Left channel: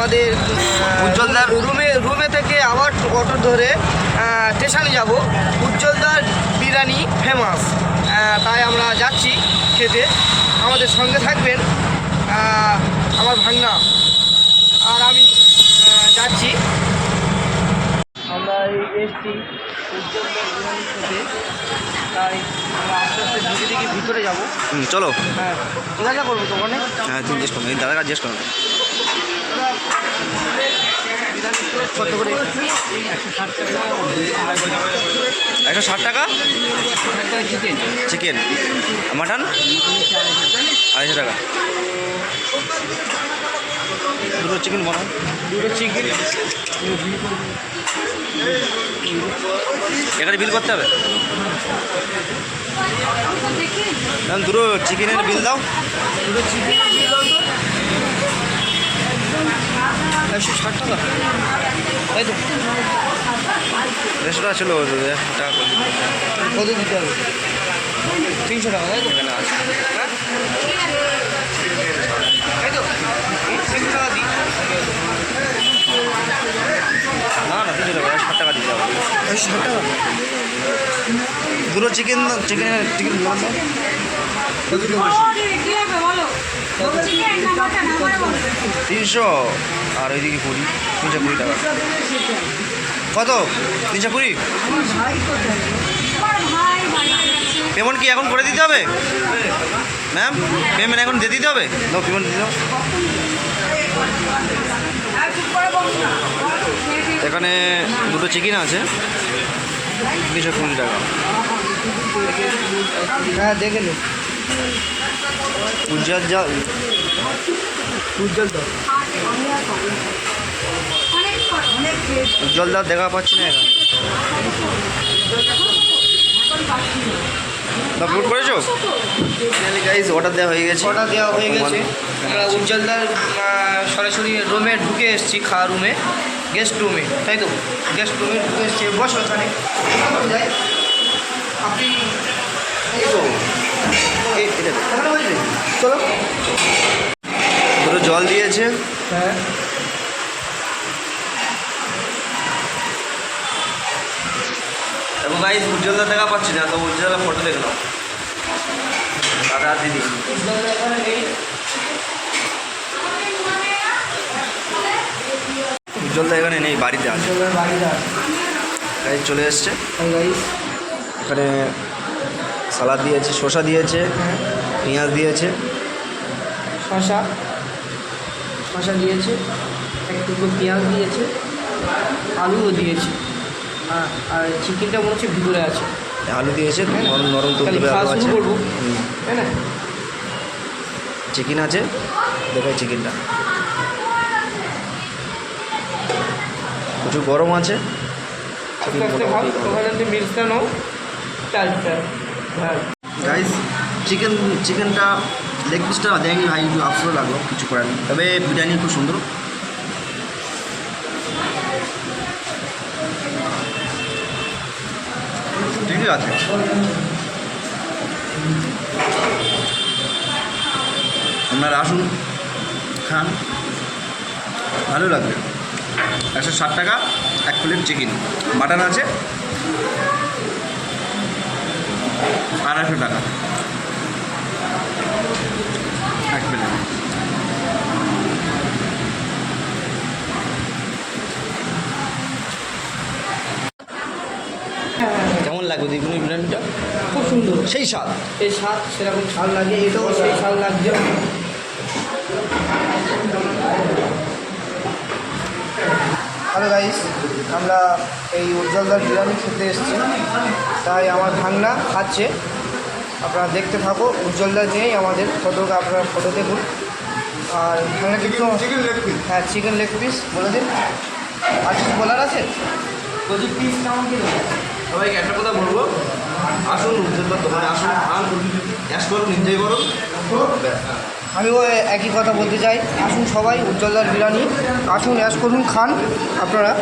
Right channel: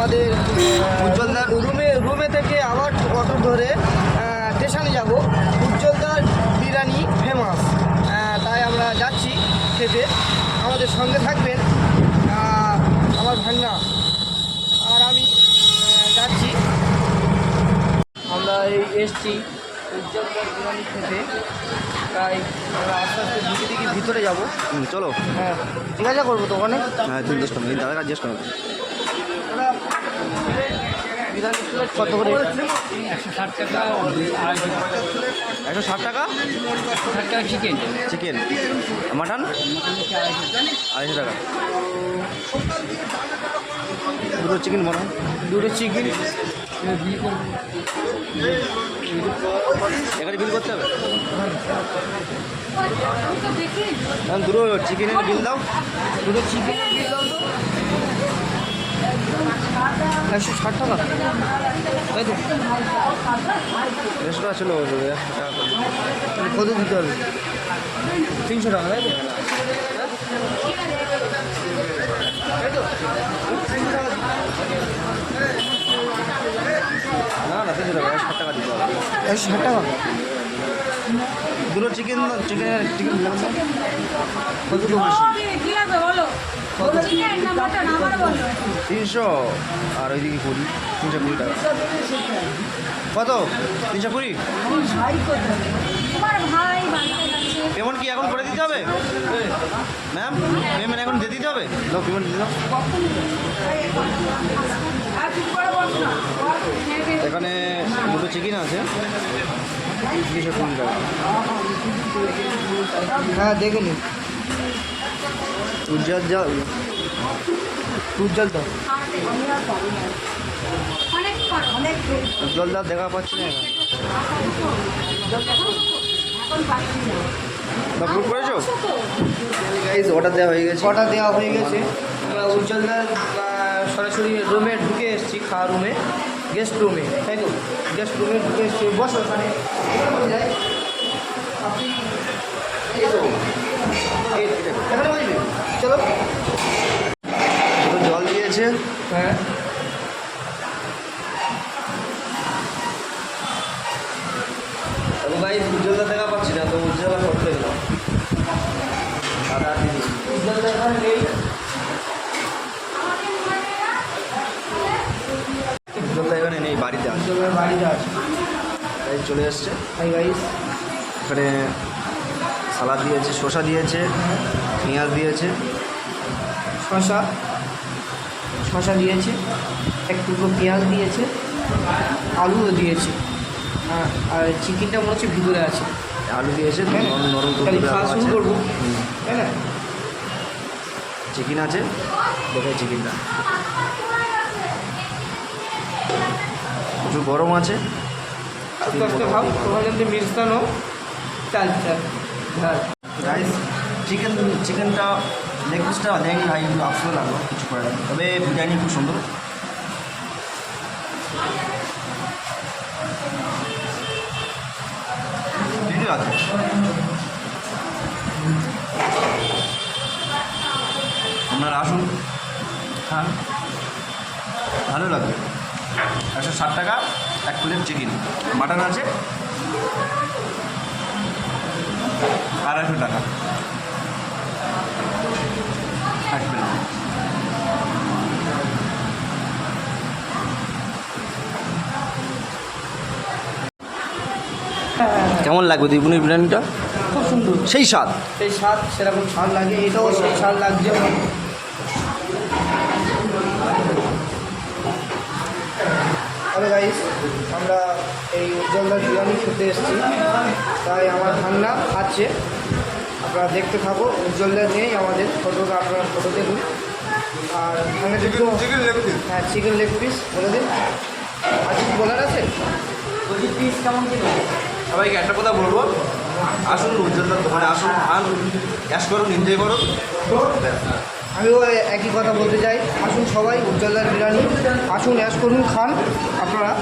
আমাদের উজ্জ্বলদার- রুমে রুমে থেকে আবার অটো ধরে স্টেশনে যাব। উজ্জ্বলদার বিরিয়ানি ফেমাস তাই আমরা যাচ্ছি খেতে। আমাদের সঙ্গে থাকবেন আমার ভাগনা আর আমি যাচ্ছি। আমরা এই এসছি উজ্জ্বলদার বিরিয়ানি খেতে। তাই আস্তে আস্তে দিকে দিকে ভিতরে যাব। হুম, চলো। হ্যাঁ মজা করব তো ওখানে হ্যাঁ জিজ্ঞেস করো জিজ্ঞেস করে। একশো ষাট টাকা? চিকেন। Chicken mutton? আড়াইশো টাকা। দুটো চিকেন বানান দুটো চিকেন। এখানে বিল করতে হবে? দুটো চিকেনের বিল দাও। দুটো চিকেন একশো ষাট টাকা। তাই তো দেড়শো টাকা ছিল টাকা। কত দিতে হবে। তিনশো টাকা তাই তো তাই তো। তিনশো টাকা দিই। না না তিনশো টাকা ষাট টাকা দিতে হবে। ষাট টাকা? দুটো চিকেন চিকেন চিকেন তিনশো, আর ওইদিকে কুড়ি, তিনশো কুড়ি টাকা। কত? তিনশো কুড়ি? পেমেন্ট কি এখন করে দিতে হবে? ম্যাম পেমেন্ট এখন দিয়ে দিতে হবে? দাও পেমেন্ট দিয়ে দাও। এখানে দুটো চিকেন আছে, তিনশো কুড়ি টাকা। হ্যাঁ দেখে নিন উজ্জ্বল যা উজ্জ্বল অনেক উজ্জ্বল দা দেখা পাচ্ছি না এখানে। আপলোড করেছ? গাইজ অর্ডার দেওয়া হয়ে গেছে। অর্ডার দেওয়া হয়ে গেছে। আমরা উজ্জ্বলদার সরাসরি রুমে ঢুকে এসেছি খাওয়া রুমে গেস্ট রুমে তাই তো? গেস্ট রুমে ঢুকে এসেছি। বসো ওখানে যাই। আপনি এই তো। এই- এখানে বসবে চলো দুটো জল দিয়েছে হ্যাঁ এবং দা দেখা পাচ্ছি না তো উজ্জ্বল ফটো দেখলাম দাদা দিদি। উজ্জ্বলদা এখানে নেই উজ্জ্বল দা এখানে নেই বাড়িতে আছে। বাড়িতে আছে। গাইজ চলে এসছে। এখানে সালাদ দিয়েছে শসা দিয়েছে হ্যাঁ। পেঁয়াজ দিয়েছে। শশা শশা দিয়েছে এক টুকরো পেঁয়াজ দিয়েছে আলুও দিয়েছে। হ্যাঁ আর চিকেনটা মনে হচ্ছে ভিতরে আছে। আলু দিয়েছে নরম নরম তুলতুলে আলু আছে। তাই না? চিকেন আছে? দেখাই চিকেনটা। প্রচুর গরম আছে। আস্তে আস্তে খাও ওখানে যদি মিক্সটা নাও চাল চাল। হ্যাঁ গাইস চিকেন চিকেনটা লেগ পিসটা দেয়নি ভাই একটু আফসোস লাগল কিছু করার নেই। তবে বিরিয়ানি খুব সুন্দর। আছে। আপনারা আসুন, খান। ভালো লাগবে। একশো ষাট টাকা, এক প্লেট চিকেন মাটন আছে। আড়াইশো টাকা এক প্লেট হ্যাঁ হ্যাঁ হ্যাঁ কেমন লাগবে দ্বিগুণের বিরিয়ানিটা? খুব সুন্দর। সেই স্বাদ? সেই স্বাদ সেরকম স্বাদ লাগে এটাও সেই স্বাদ লাগছে। হ্যালো গাইস আমরা এই উজ্জ্বলদার বিরিয়ানি খেতে এসেছি। তাই আমার ভাঙনা খাচ্ছে আপনারা দেখতে থাকো উজ্জ্বলদার নেই আমাদের ফটো আপনারা ফটো দেখুন। আর ভাঙনা কিছু হ্যাঁ চিকেন লেগ পিস বলে দিন। আর কিছু বলার আছে? পিস কেমন কিলো সবাইকে একটা কথা বলব। আসুন মানে আসুন খান অ্যাশ করুন এনজয় করুন। আমিও একই কথা বলতে চাই। আসুন সবাই উজ্জ্বলদার বিরিয়ানি। আসুন অ্যাশ করুন খান আপনারা।